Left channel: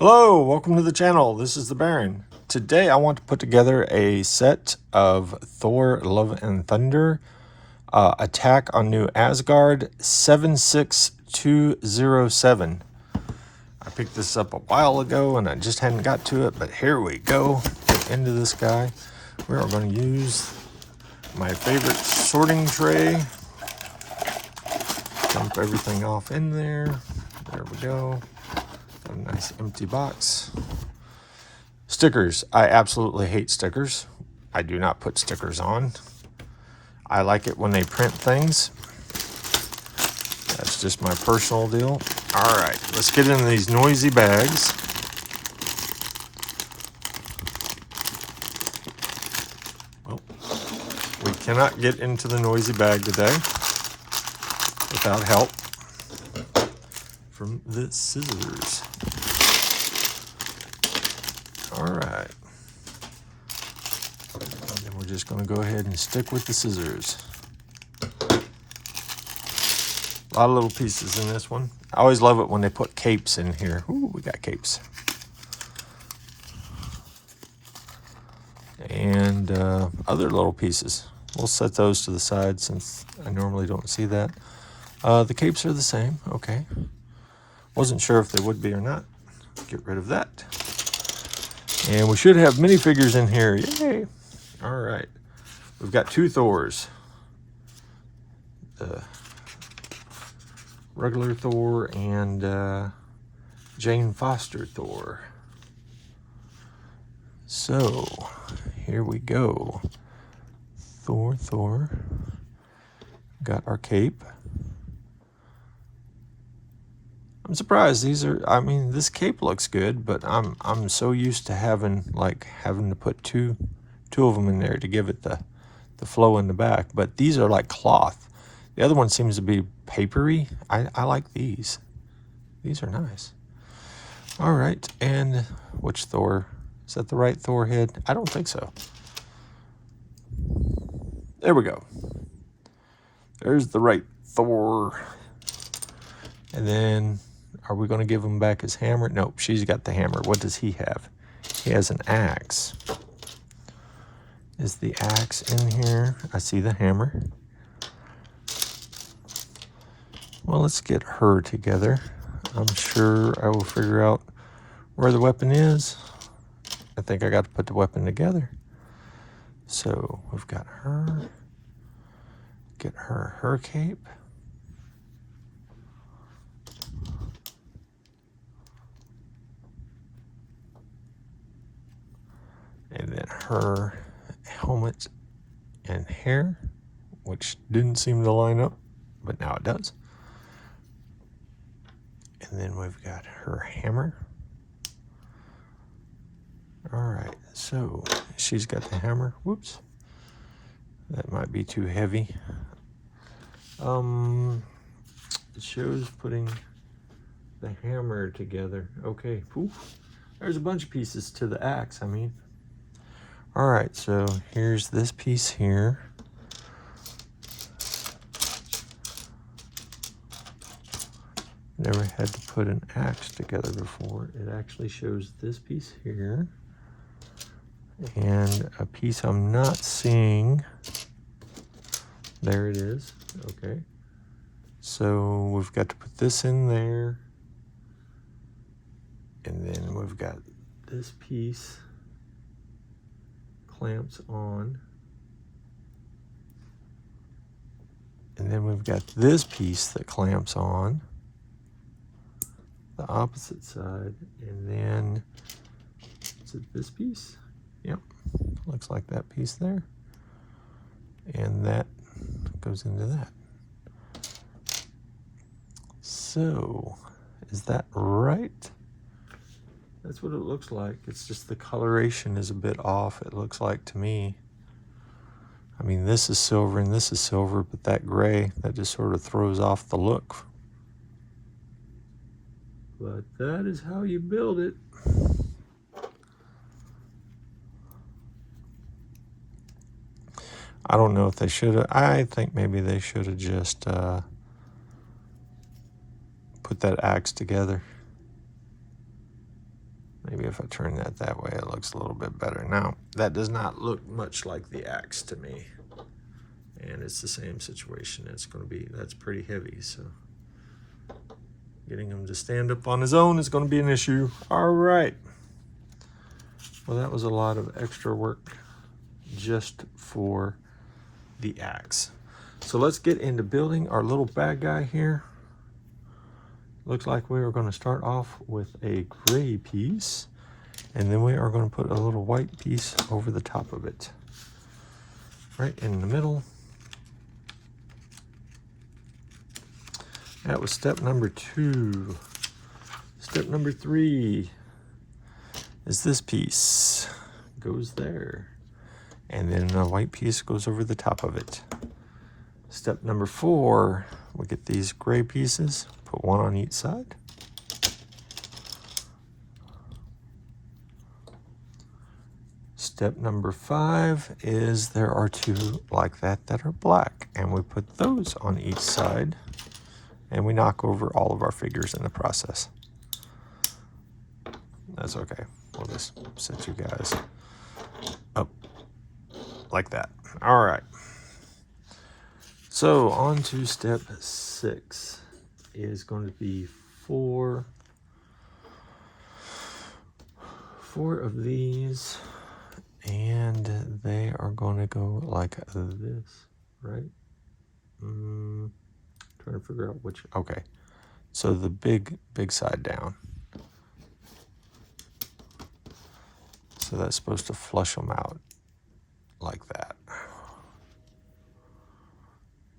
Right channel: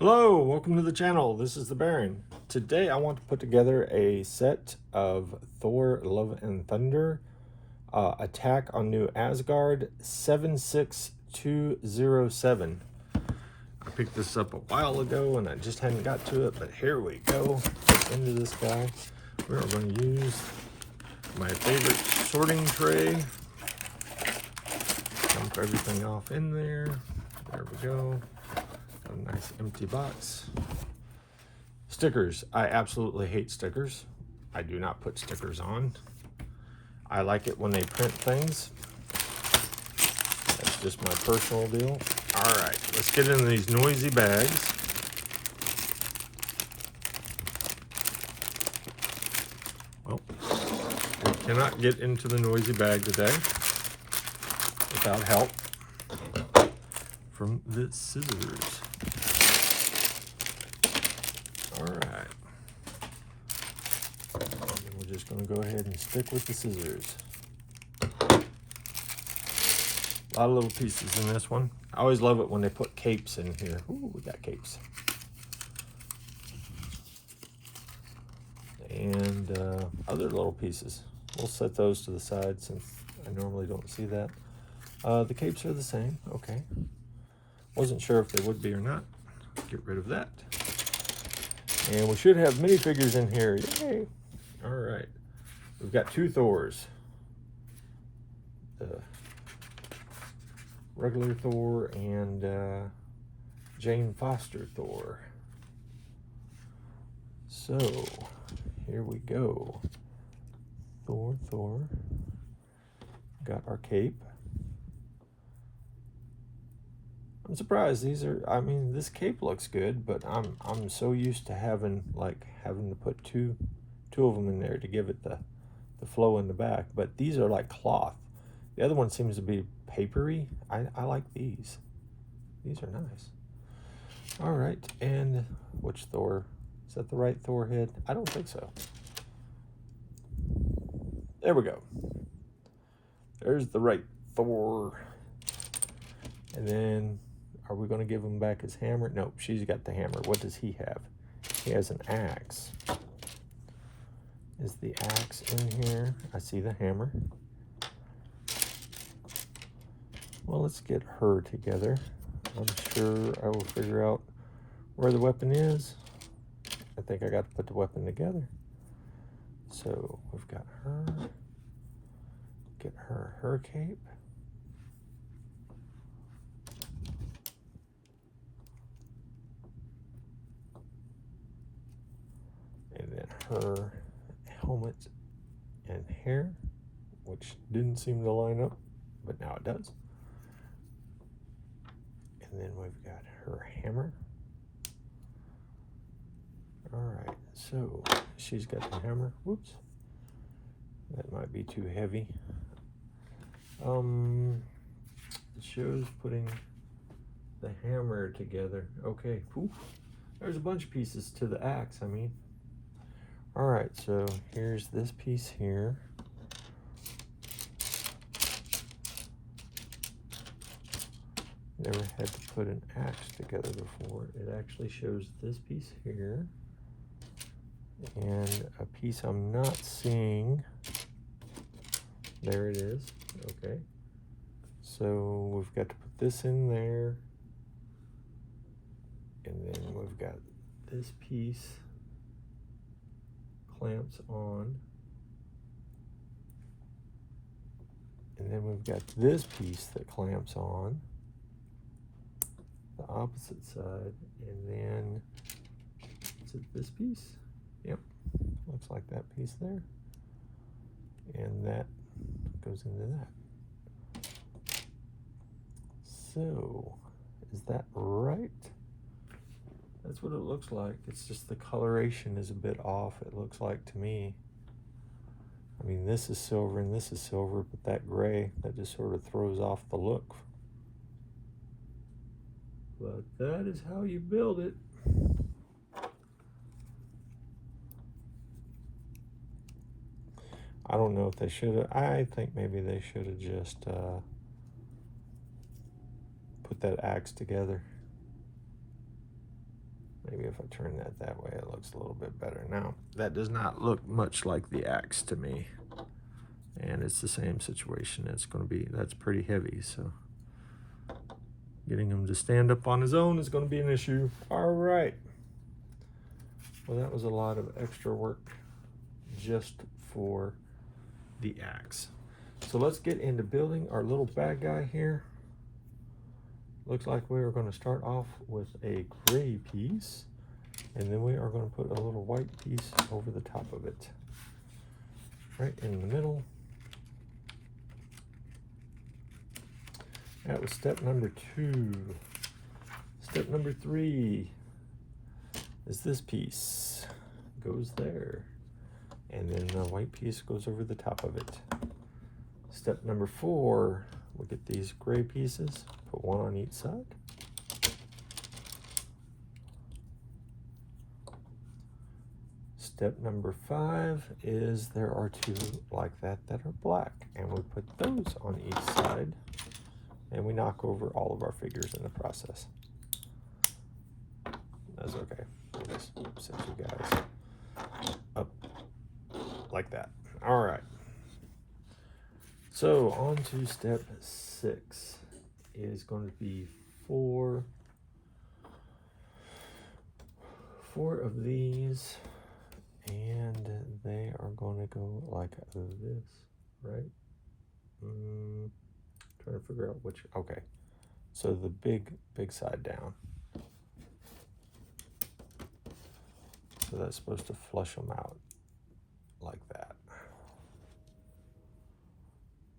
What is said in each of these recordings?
Hello, welcome to the channel. This is the Baron. Today I want to put together a set of Thor Love and Thunder Attack on New Asgard 76207. I picked this up a while ago and I just hadn't got to it, but here we go. Into this guy. We are going to use my favorite sorting tray. Dump everything off in there. There we go. Got a nice empty box. Stickers. I absolutely hate stickers. I do not put stickers on. I like it when they print things. That's just my personal deal. All right, let's get into these noisy bags. Well, we cannot get into the noisy bag today without help from the scissors. All right. And then we're just going to go ahead and stick with the scissors. A lot of little pieces in this one. I always love it when they put capes in here. Ooh, we got capes. And other little pieces. We'll set those to the side since I normally don't see that. The capes are the same. Okay. Wasn't sure if they would be or not. Get rid of that. And we should have minifigures in here. Yay! All right. We've got two Thors. The regular Thor and Jane Foster Thor. So, here we go. Thor. Got our cape. I'm surprised these are, I mean, this cape looks good, but I'm so used to having to put two of them in there to give it the flow in the back. But these are like cloth. The other one seems to be papery. I like these. These are nice. All right, and which Thor? Is that the right Thor head? I don't think so. There we go. There's the right Thor. And then, are we going to give him back his hammer? Nope, she's got the hammer. What does he have? He has an axe. Is the axe in here? I see the hammer. Well, let's get her together. I'm sure I will figure out where the weapon is. I think I got to put the weapon together. So we've got her. Get her cape. And then her helmet and hair, which didn't seem to line up, but now it does. And then we've got her hammer. All right, so she's got the hammer. Whoops, that might be too heavy. It shows putting the hammer together. Okay, poof. There's a bunch of pieces to the axe, I mean. All right, so here's this piece here. Never had to put an axe together before. It actually shows this piece here and a piece I'm not seeing. There it is. Okay. So we've got to put this in there. And then we've got this piece clamps on. And then we've got this piece that clamps on the opposite side. And then, is it this piece? Yep, looks like that piece there. And that goes into that. So, is that right? That's what it looks like. It's just the coloration is a bit off, it looks like to me. I mean, this is silver and this is silver, but that gray, that just sort of throws off the look. But that is how you build it. I don't know if they should have, I think maybe they should have just put that axe together. Maybe if I turn that way, it looks a little bit better. Now, that does not look much like the axe to me. And it's the same situation. That's pretty heavy, so getting him to stand up on his own is going to be an issue. All right. Well, that was a lot of extra work just for the axe. So let's get into building our little bad guy here. Looks like we are going to start off with a gray piece, and then we are going to put a little white piece over the top of it, right in the middle. That was step number 2. Step number 3 is this piece goes there, and then a white piece goes over the top of it. Step number 4, we get these gray pieces, put one on each side. Step number 5 is there are 2 like that are black, and we put those on each side, and we knock over all of our figures in the process. That's okay. We'll just set you guys up like that. All right. So on to step 6 is going to be four of these, and they are going to go like this, right? Trying to figure out which. Okay, so the big side down. So that's supposed to flush them out like that.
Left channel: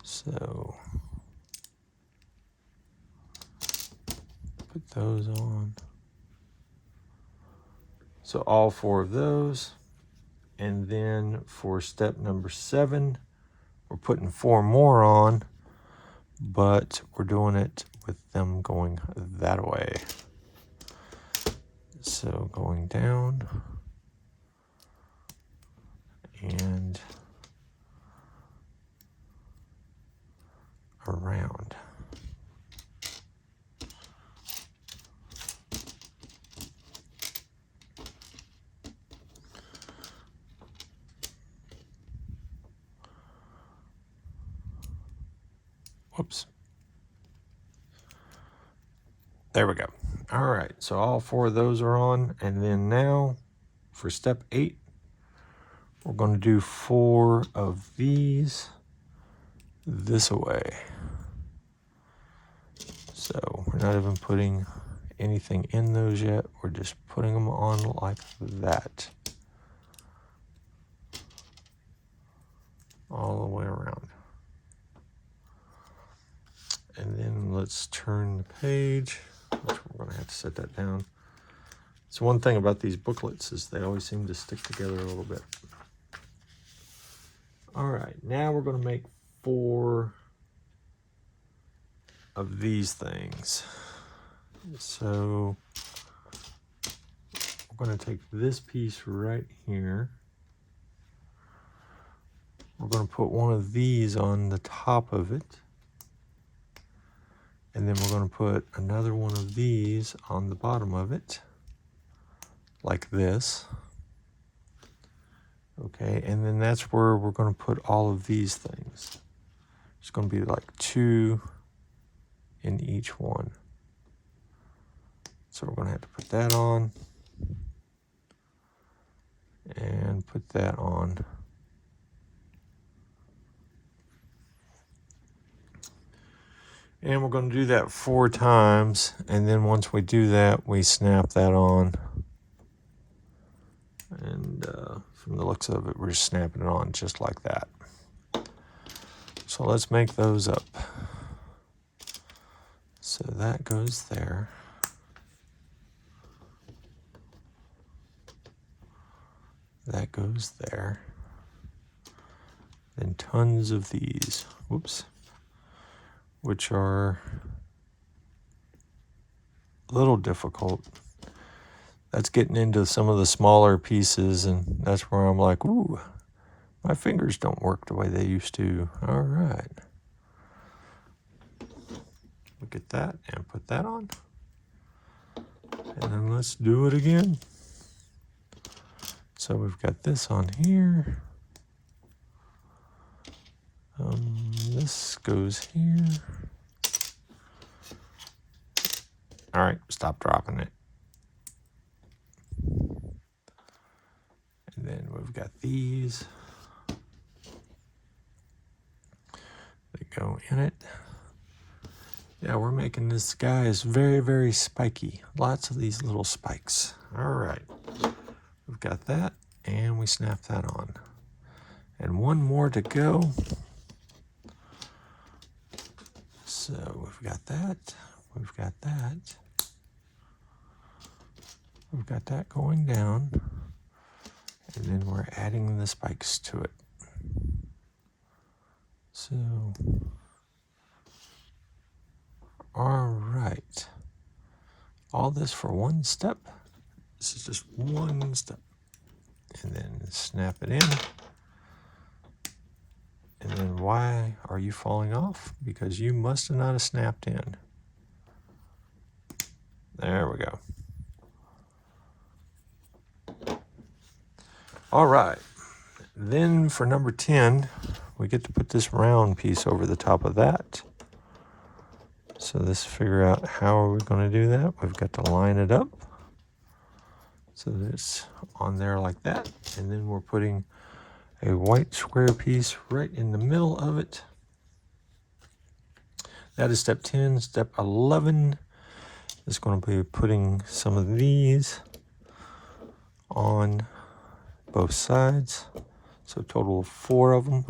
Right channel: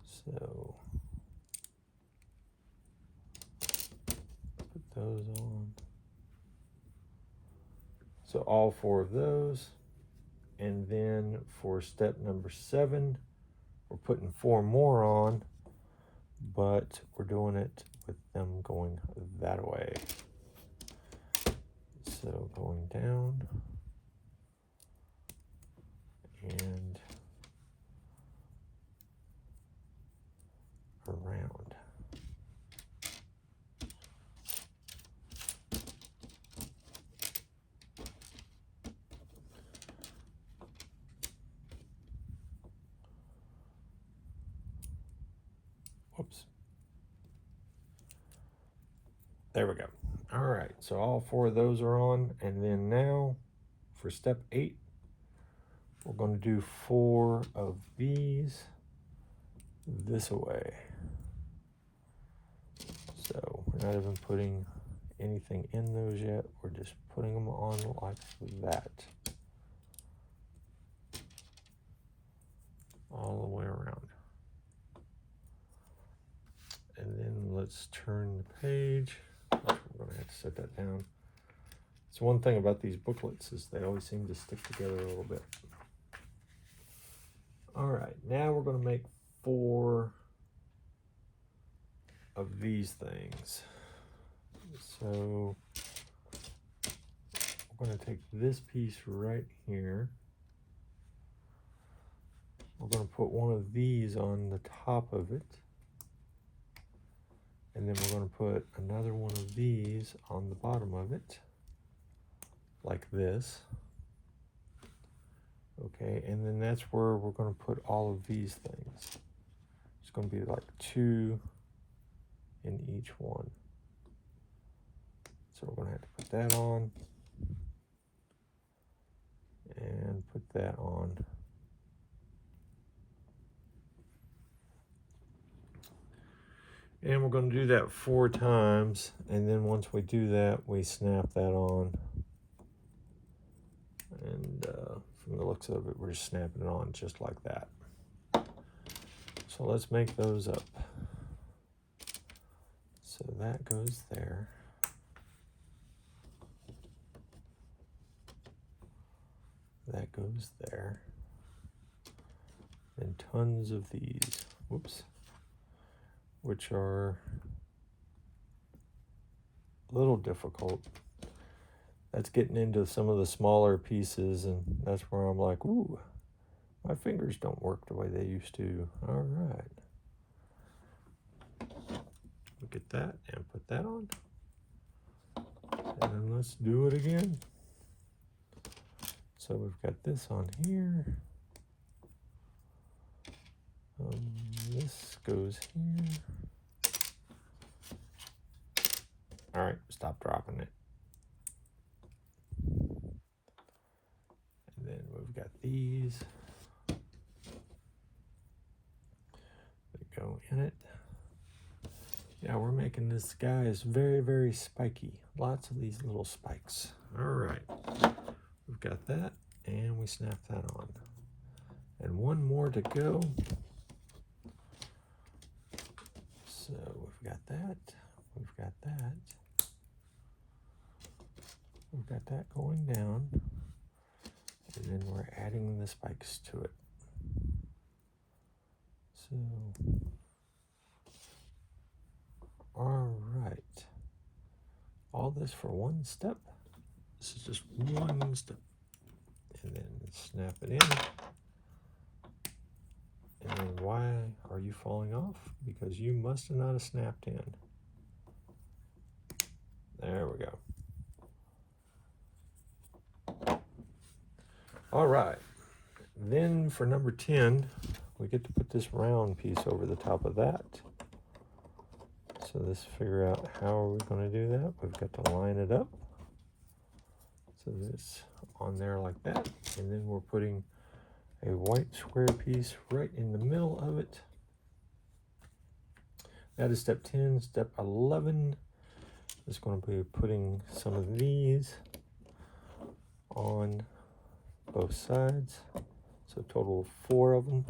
So put those on. So all 4 of those. And then for step number 7, we're putting 4 more on, but we're doing it with them going that way. So going down and around. Whoops. There we go. All right, so all 4 of those are on, and then now for step 8, we're going to do 4 of these this way. So we're not even putting anything in those yet. We're just putting them on like that. All the way around. And then let's turn the page. We're going to have to set that down. So one thing about these booklets is they always seem to stick together a little bit. All right, now we're going to make 4 of these things. So we're going to take this piece right here. We're going to put one of these on the top of it. And then we're going to put another one of these on the bottom of it, like this. Okay, and then that's where we're going to put all of these things. It's going to be like 2 in each one. So we're going to have to put that on and put that on. And we're going to do that 4 times, and then once we do that, we snap that on. And from the looks of it, we're just snapping it on just like that. So let's make those up. So that goes there. That goes there. Then tons of these. Whoops. Which are a little difficult. That's getting into some of the smaller pieces, and that's where I'm like, ooh, my fingers don't work the way they used to. All right. Look at that and put that on. And then let's do it again. So we've got this on here. This goes here. All right, stop dropping it. And then we've got these. They go in it. Yeah, we're making this guy is very, very spiky. Lots of these little spikes. All right, we've got that, and we snap that on. And one more to go. So we've got that, we've got that. We've got that going down, and then we're adding the spikes to it. So, all right. All this for one step. This is just one step. And then snap it in. And then why are you falling off? Because you must have not have snapped in. There we go. All right, then for number 10, we get to put this round piece over the top of that. So let's figure out how are we going to do that. We've got to line it up. So it's on there like that. And then we're putting a white square piece right in the middle of it. That is step 10. Step 11 is going to be putting some of these on both sides, so a total of 4 of them.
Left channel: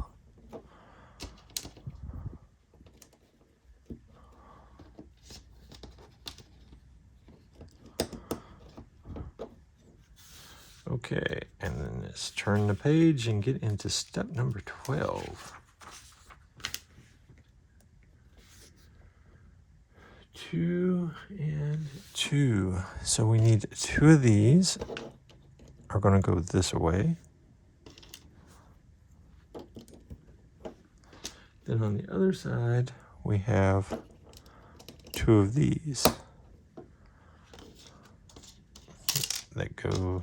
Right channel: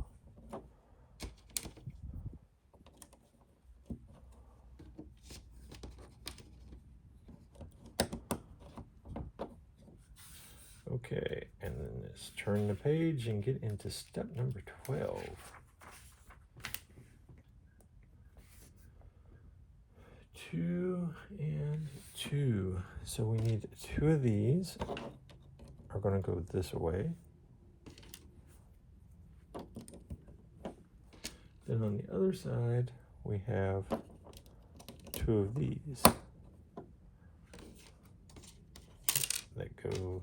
Okay, and then let's turn the page and get into step number 12. 2 and 2. So we need 2 of these. Are going to go this way. Then on the other side, we have 2 of these that go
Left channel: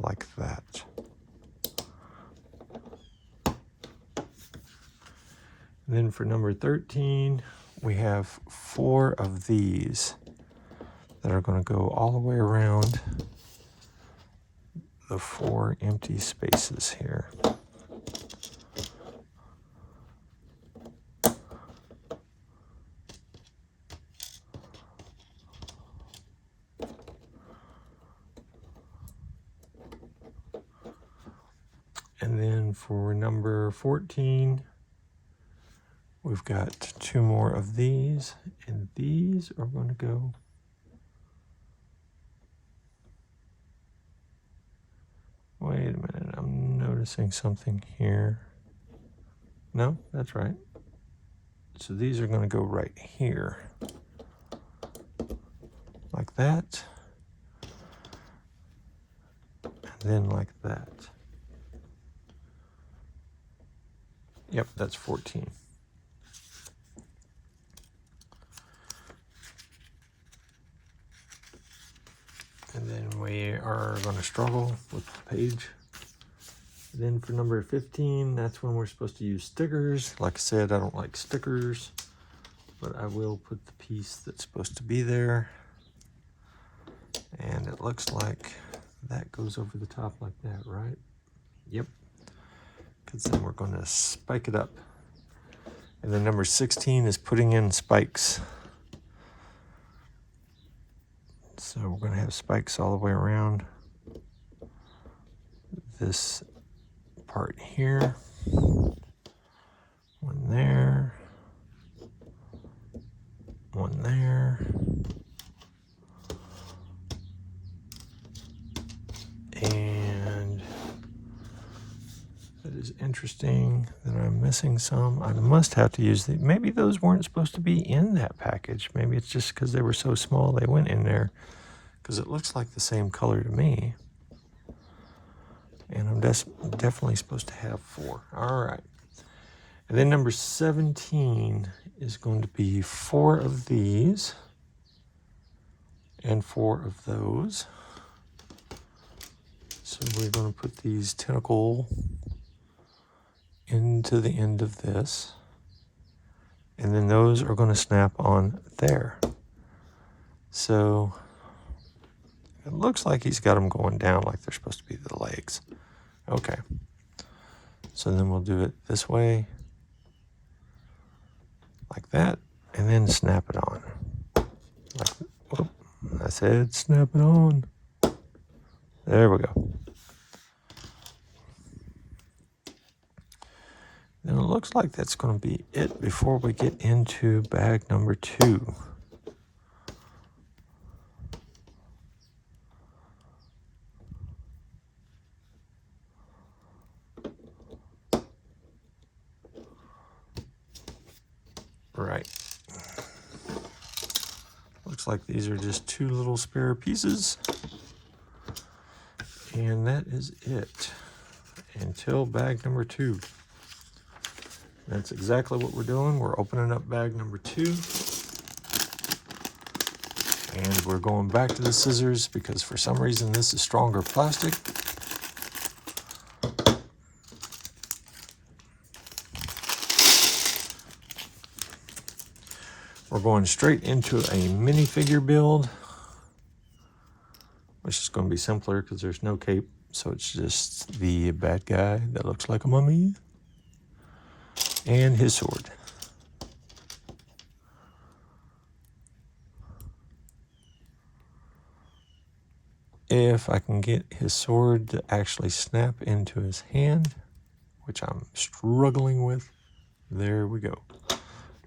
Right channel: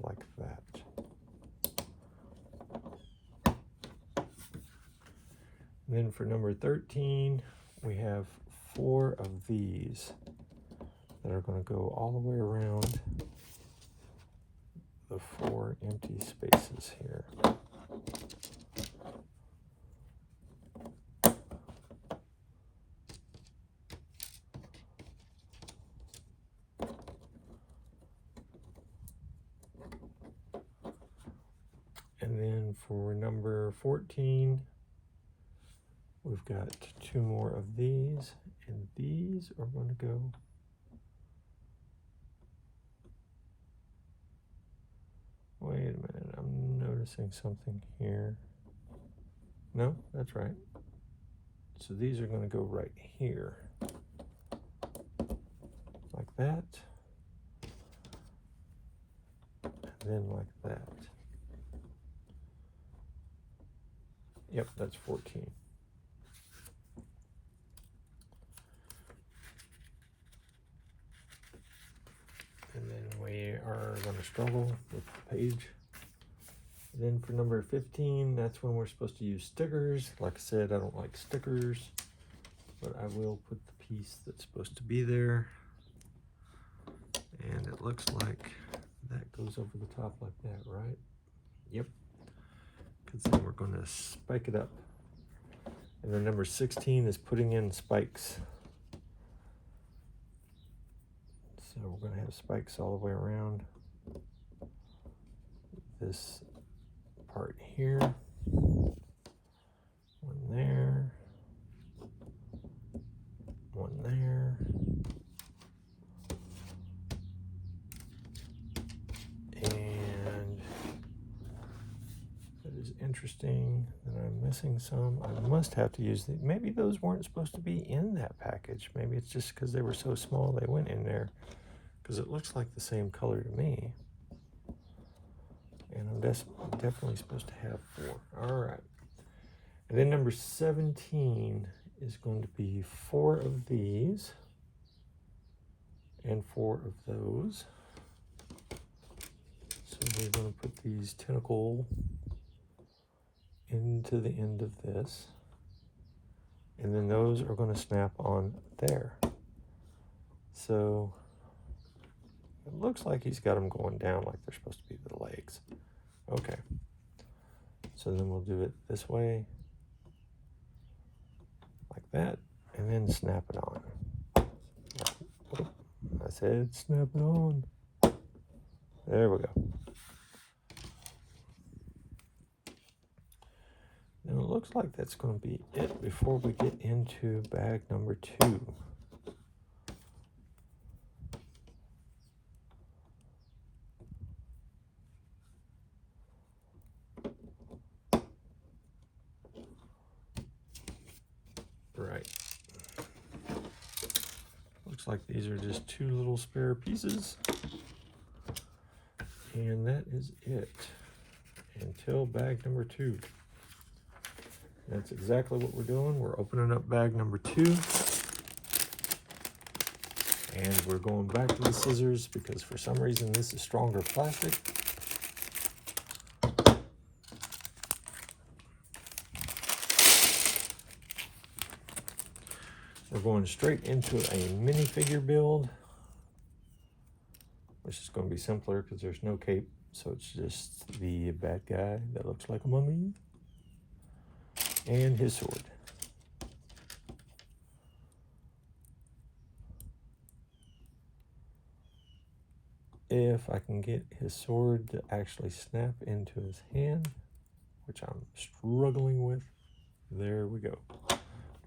like that. And then for number 13, we have 4 of these that are going to go all the way around the 4 empty spaces here. And then for number 14, we've got 2 more of these, and these are going to go wait a minute, I'm noticing something here. No, that's right. So these are going to go right here. Like that. And then like that. Yep, that's 14. And then we are going to struggle with the page. And then for number 15, that's when we're supposed to use stickers. Like I said, I don't like stickers, but I will put the piece that's supposed to be there. And it looks like that goes over the top like that, right? Yep. Because then we're going to spike it up. And then number 16 is putting in spikes. So we're going to have spikes all the way around this part here. One there. One there. And it is interesting that I'm missing some. I must have to use the, maybe those weren't supposed to be in that package. Maybe it's just because they were so small they went in there. Because it looks like the same color to me. And I'm definitely supposed to have 4. All right. And then number 17 is going to be 4 of these. and 4 of those. So we're going to put these tentacle into the end of this. And then those are going to snap on there. So it looks like he's got them going down like they're supposed to be the legs. Okay. So then we'll do it this way, like that, and then snap it on. I said snap it on. There we go. Then it looks like that's going to be it before we get into bag number 2. Right. Looks like these are just 2 little spare pieces. And that is it until bag number 2. That's exactly what we're doing. We're opening up bag number 2. And we're going back to the scissors because for some reason this is stronger plastic. We're going straight into a minifigure build, which is going to be simpler because there's no cape. So it's just the bad guy that looks like a mummy and his sword. If I can get his sword to actually snap into his hand, which I'm struggling with, there we go.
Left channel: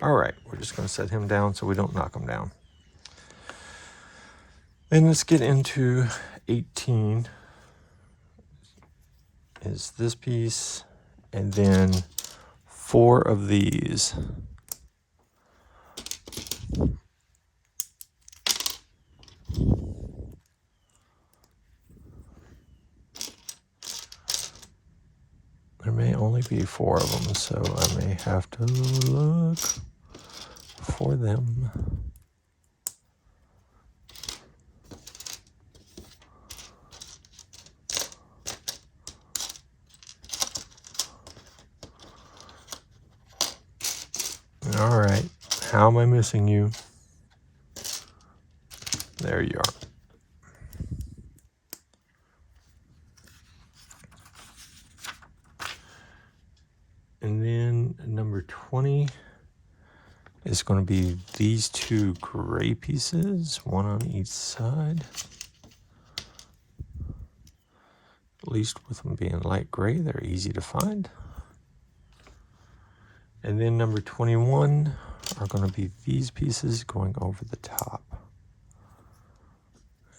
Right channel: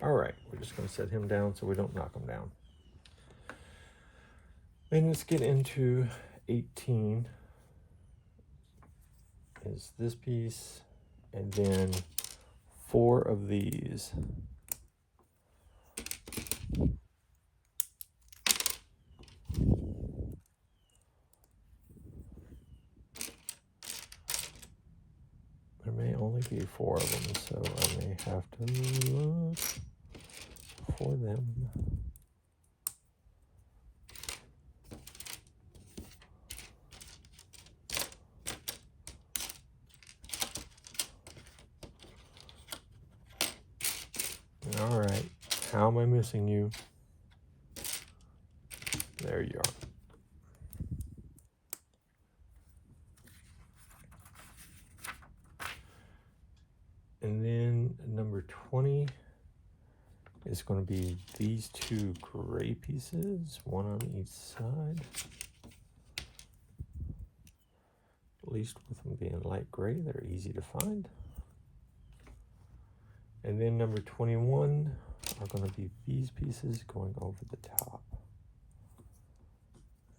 All right, we're just going to set him down so we don't knock him down. Then let's get into 18. Is this piece, and then 4 of these. There may only be 4 of them, so I may have to look for them. All right, how am I missing you? There you are. And then number 20 is going to be these 2 gray pieces, 1 on each side. At least with them being light gray, they're easy to find. And then number 21 are going to be these pieces going over the top.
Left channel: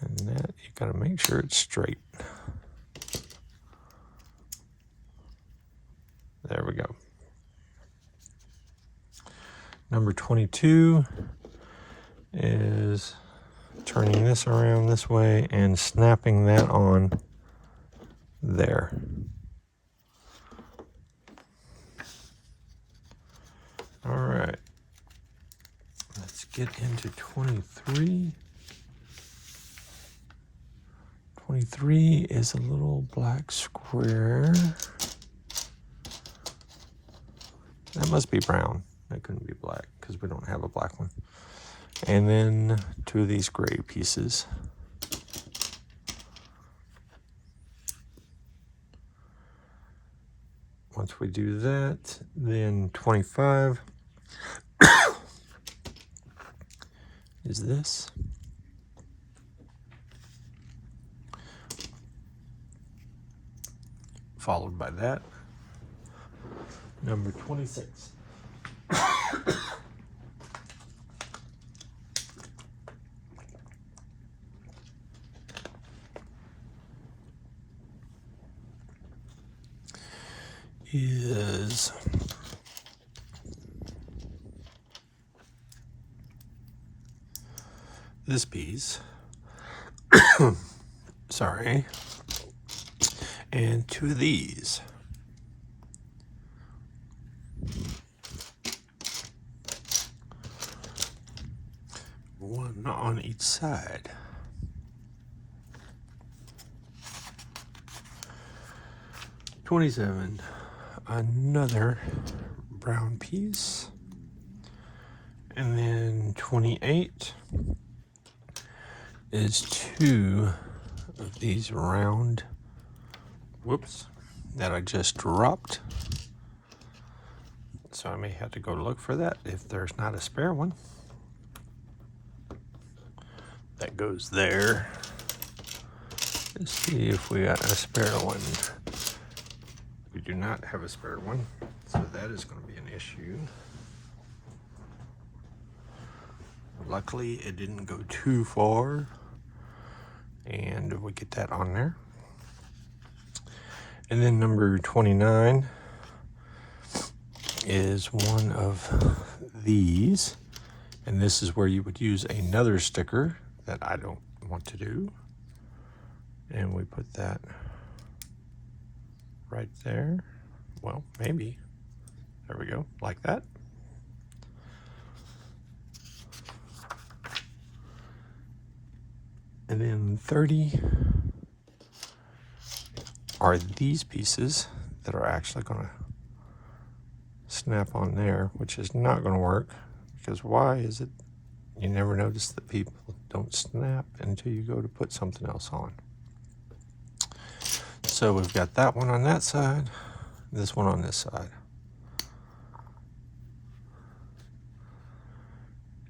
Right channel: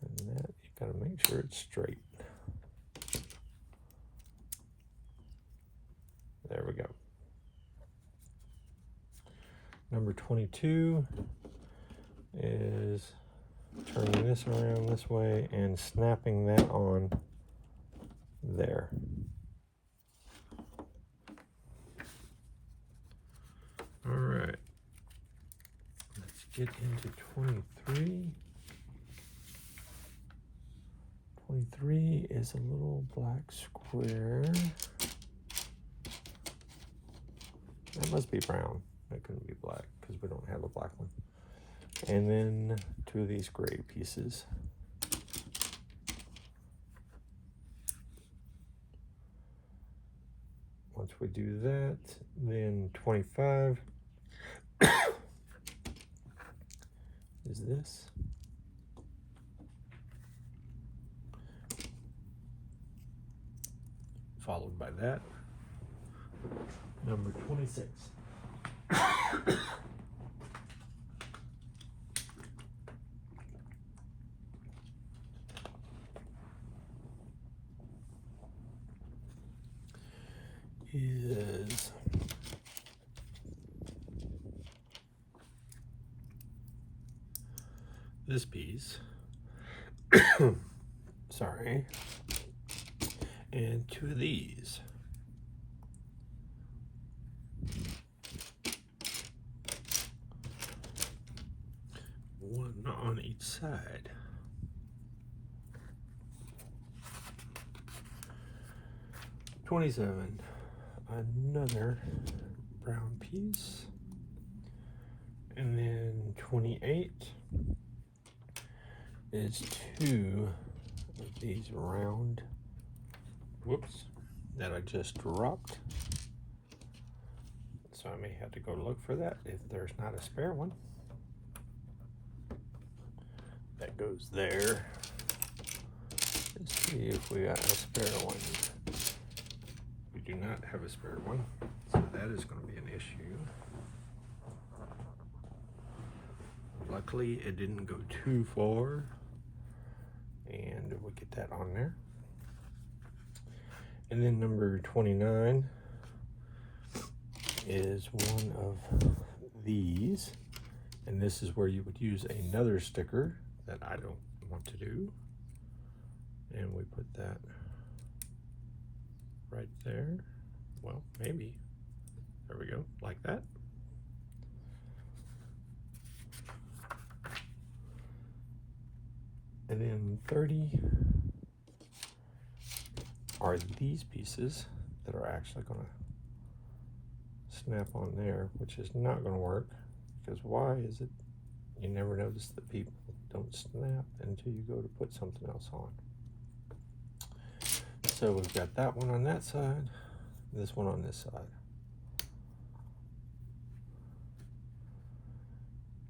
And that, you got to make sure it's straight. There we go. Number 22 is turning this around this way and snapping that on there. All right, let's get into 23. 23 is a little black square. That must be brown. That couldn't be black because we don't have a black one. And then 2 of these gray pieces. Once we do that, then 25 is this. Followed by that. Number 26. Is this piece. Sorry. And 2 of these. One on each side. 27, another brown piece. And then 28 is 2 of these round, whoops, that I just dropped. So I may have to go look for that if there's not a spare one. That goes there. Let's see if we got a spare one. We do not have a spare one, so that is going to be an issue. Luckily, it didn't go too far, and we get that on there. And then number 29 is one of these, and this is where you would use another sticker that I don't want to do. And we put that right there. Well, maybe. There we go, like that. And then 30 are these pieces that are actually going to snap on there, which is not going to work, because why is it you never notice that people don't snap until you go to put something else on. So we've got that one on that side, this one on this side.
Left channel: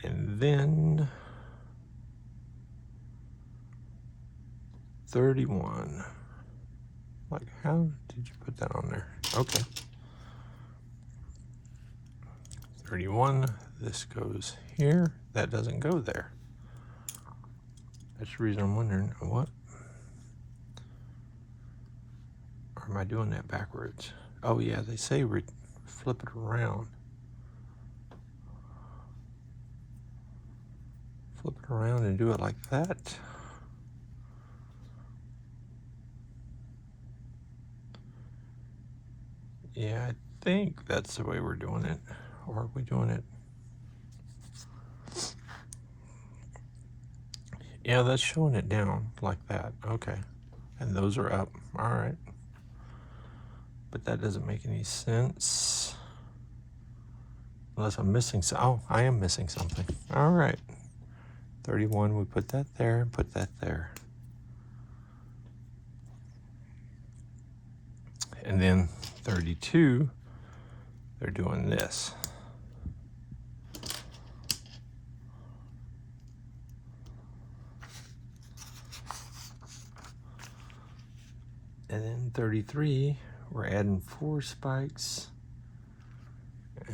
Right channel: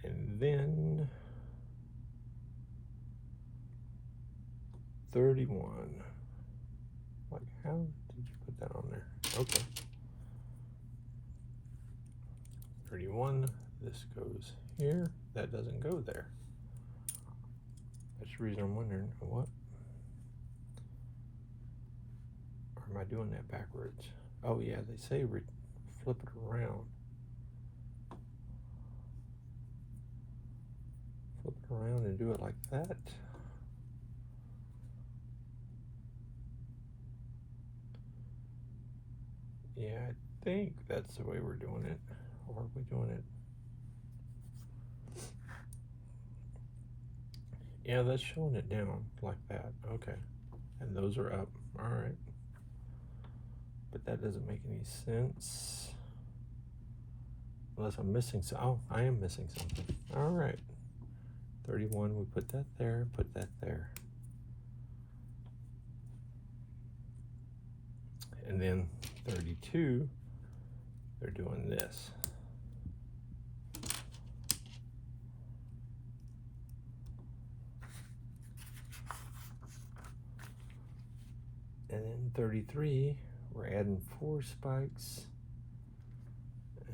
And then 31. Like, how did you put that on there? Okay. 31, this goes here. That doesn't go there. That's the reason I'm wondering, what? Or am I doing that backwards? Oh yeah, they say flip it around. Flip it around and do it like that. Yeah, I think that's the way we're doing it. Or are we doing it? Yeah, that's showing it down like that. Okay. And those are up. All right. But that doesn't make any sense. Unless I'm missing some. Oh, I am missing something. All right. 31, we put that there and put that there. And then 32, they're doing this. And then 33, we're adding 4 spikes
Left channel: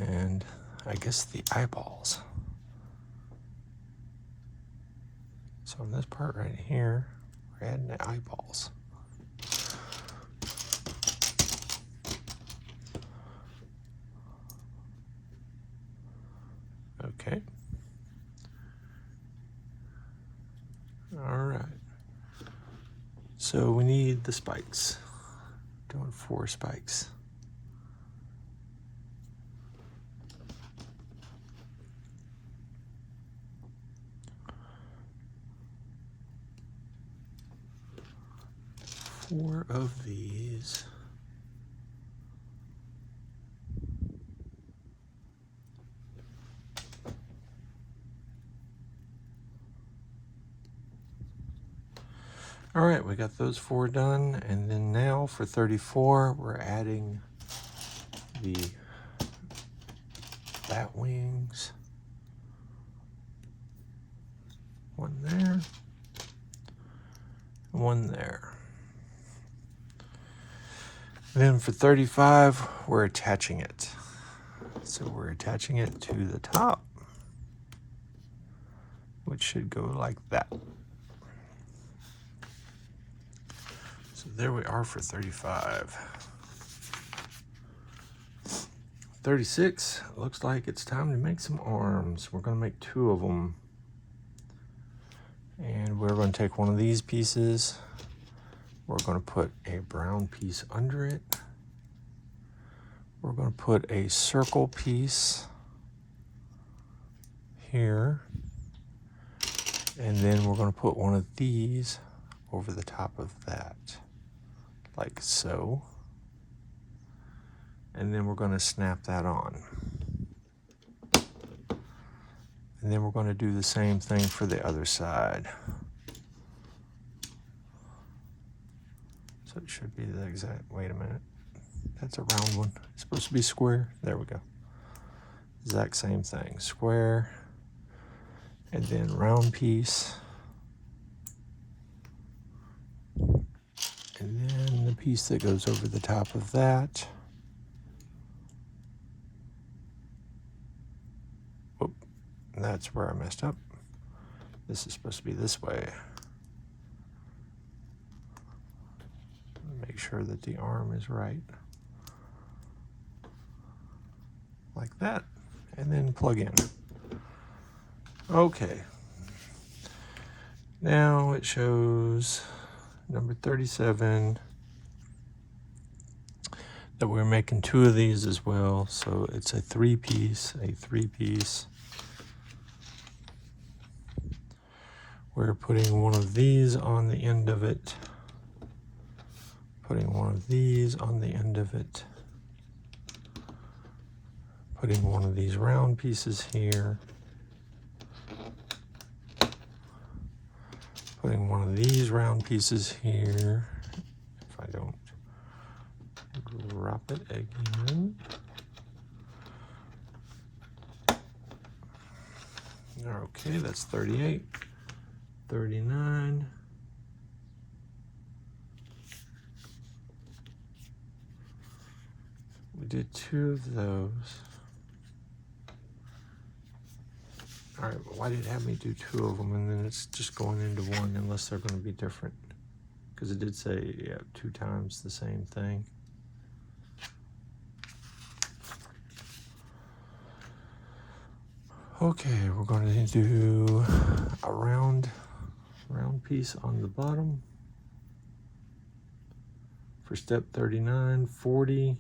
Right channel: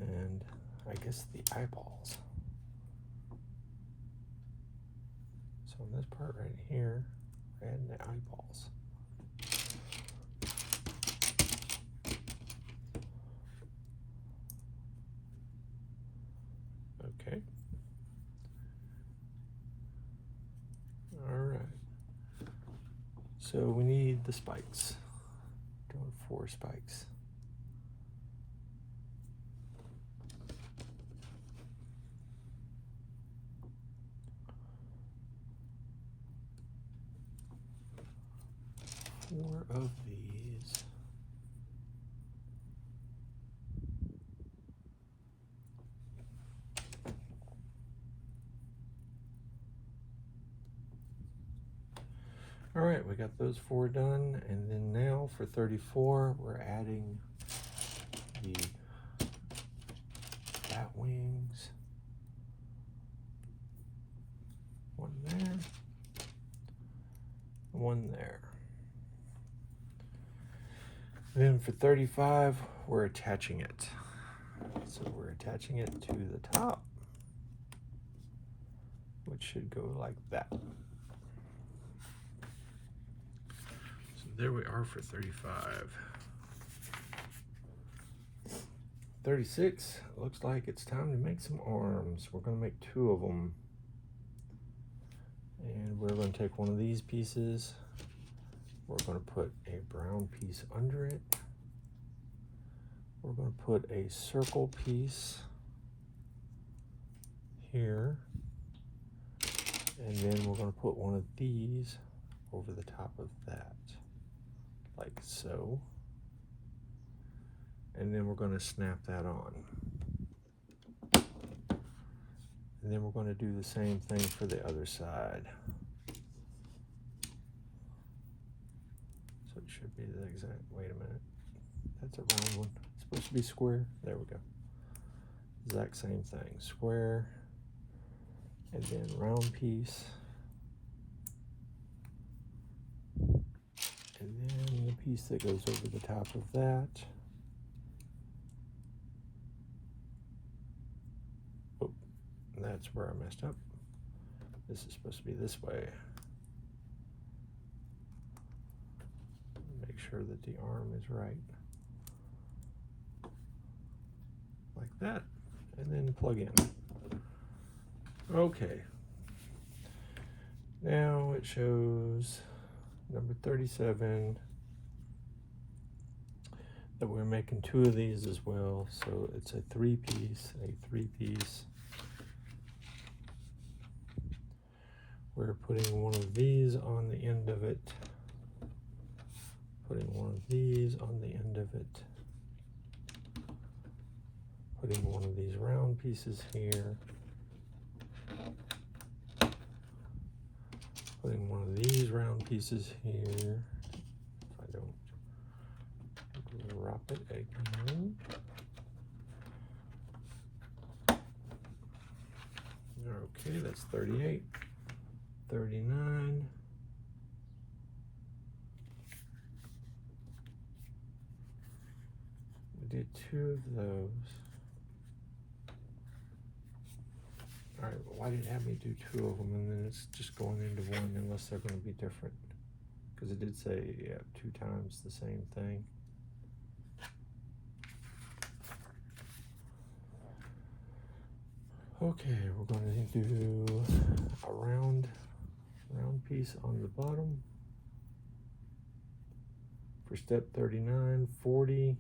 and I guess the eyeballs. So in this part right here, we're adding the eyeballs. Okay. All right. So we need the spikes. Doing 4 spikes. Four of these. All right, we got those 4 done, and then now for 34, we're adding the bat wings. One there, one there. Then for 35, we're attaching it. So we're attaching it to the top, which should go like that. So there we are for 35. 36, looks like it's time to make some arms. We're gonna make 2 of them. And we're gonna take one of these pieces. We're gonna put a brown piece under it. We're gonna put a circle piece here. And then we're gonna put one of these over the top of that, like so. And then we're going to snap that on. And then we're going to do the same thing for the other side. So it should be the exact, wait a minute. That's a round one. It's supposed to be square. There we go. Exact same thing. Square. And then round piece. And then the piece that goes over the top of that. Whoop. That's where I messed up. This is supposed to be this way. Make sure that the arm is right. Like that. And then plug in. Okay. Now it shows number 37 that we're making 2 of these as well. So it's a 3-piece, We're putting one of these on the end of it. Putting one of these on the end of it. Putting one of these round pieces here. Putting one of these round pieces here. If I don't drop it again. Okay, that's 38. 39. We did 2 of those. All right, well, why did it have me do 2 of them and then it's just going into one unless they're going to be different? Because it did say, yeah, 2 times the same thing. Okay, we're going to do a round piece on the bottom. For step 39, 40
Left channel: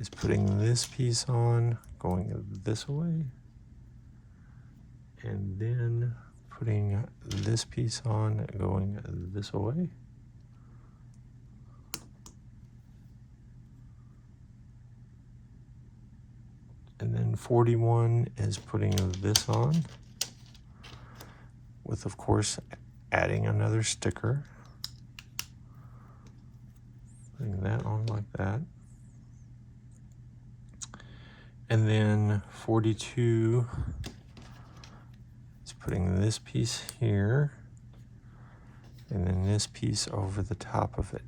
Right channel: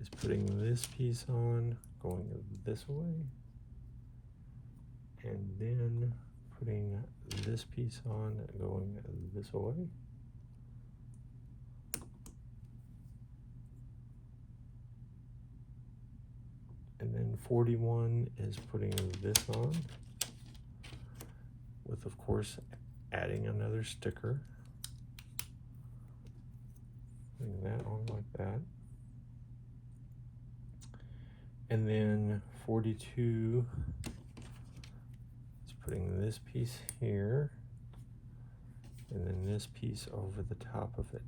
is putting this piece on, going this way. And then putting this piece on, going this way. And then 41 is putting this on, with, of course, adding another sticker. Putting that on like that. And then 42 is putting this piece here, and then this piece over the top of it.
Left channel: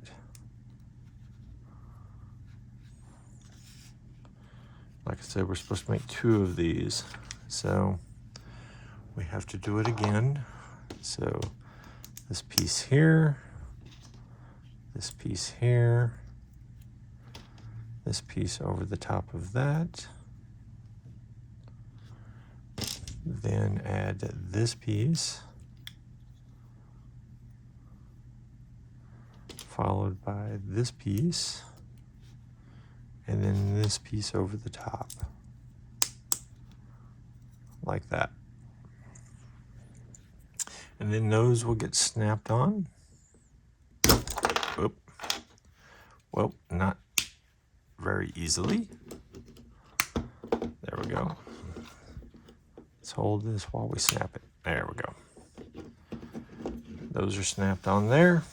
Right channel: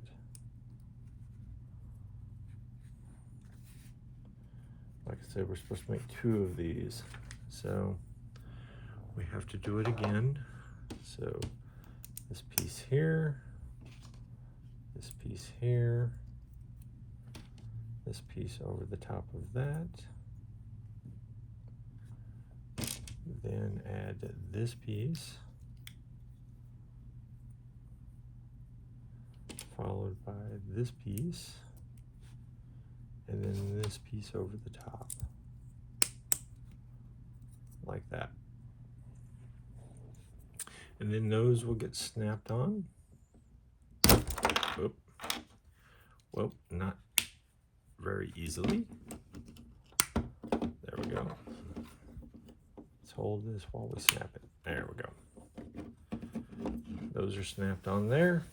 Like I said, we're supposed to make 2 of these, so we have to do it again. So this piece here, this piece here, this piece over the top of that, then add this piece, followed by this piece, and then this piece over the top, like that. And then those will get snapped on. Oop. Well, not very easily. There we go. Let's hold this while we snap it. There we go. Those are snapped on there.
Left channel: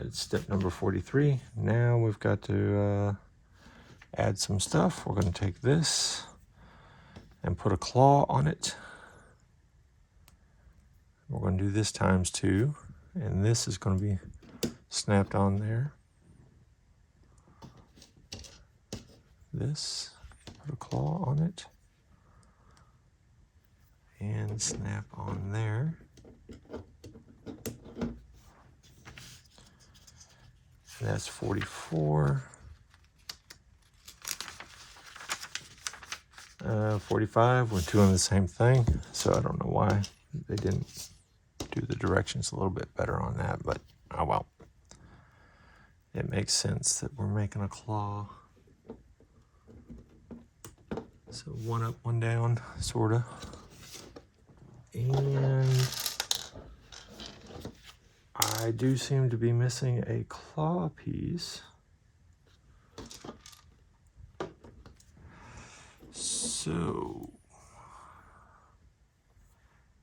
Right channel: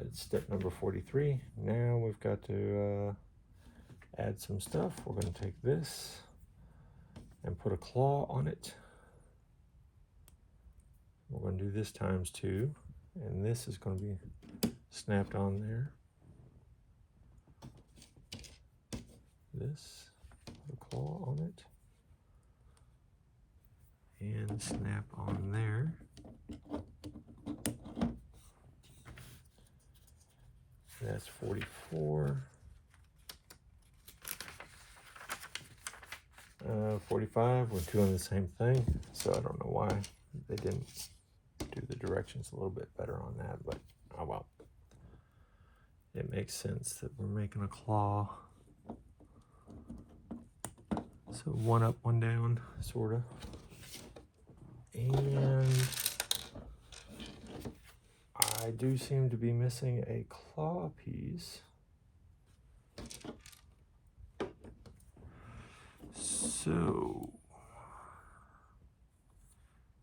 It's step number 43. Now we've got to add some stuff. We're going to take this and put a claw on it. We're going to do this times 2, and this is going to be snapped on there. This, put a claw on it, and snap on there. And that's 44. 45, we're doing the same thing, so I don't know why they didn't do the directions a little bit better on that, but oh well. It makes sense that we're making a claw. So 1 up, 1 down, sorta. And I do seem to be missing a claw piece. So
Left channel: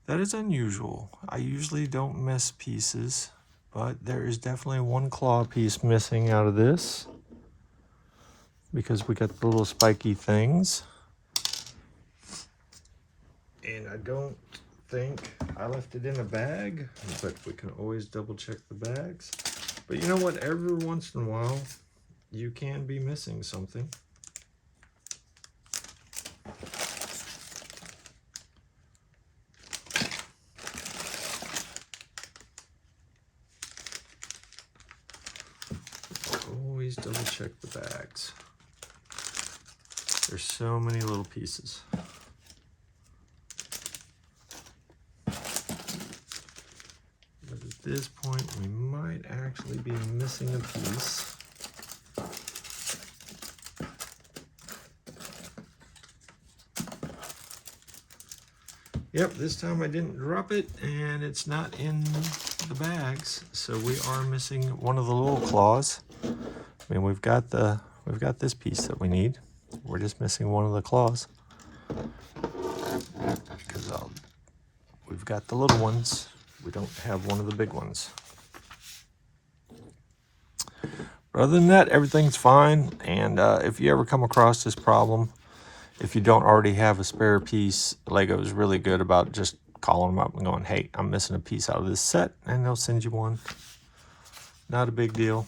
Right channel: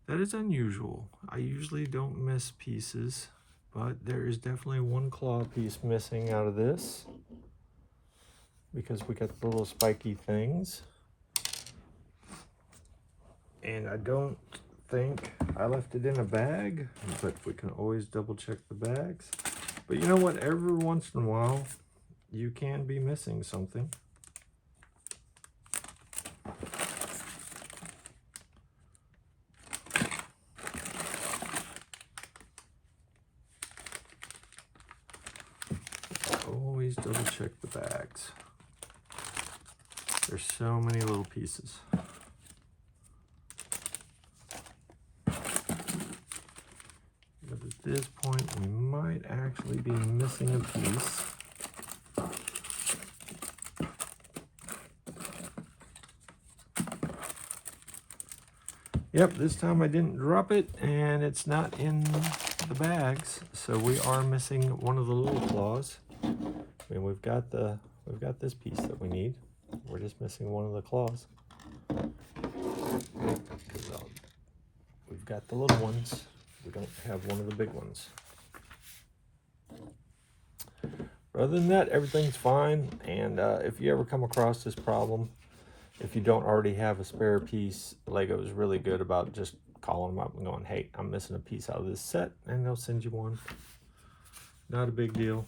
that is unusual. I usually don't miss pieces, but there is definitely one claw piece missing out of this because we got the little spiky things. And I don't think I left it in a bag, but we can always double check the bags. But you know what? Every once in a while, you can be missing something. Always double check the bags. There's so many little pieces. But at this point, we might actually be missing a piece. Yep, this time I didn't drop it, and it's not in the bags, so we are missing one of the little claws. I mean, we've got this piece that we need. We're just missing one of the claws because we've got the little ones. We don't have one of the big ones. But other than that, everything's fine. And if you ever come across this problem, if you don't already have a spare piece, Lego is really good about just calling them up and going, hey, I'm missing a piece out of this set, and they'll send you one. Not a big deal.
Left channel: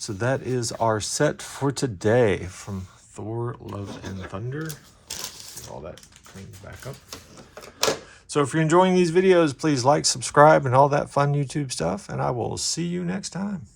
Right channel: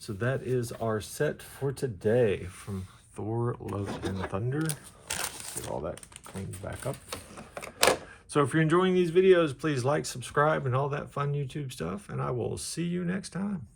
So that is our set for today from Thor, Love, and Thunder. Get all that cleaned back up. So if you're enjoying these videos, please like, subscribe, and all that fun YouTube stuff, and I will see you next time.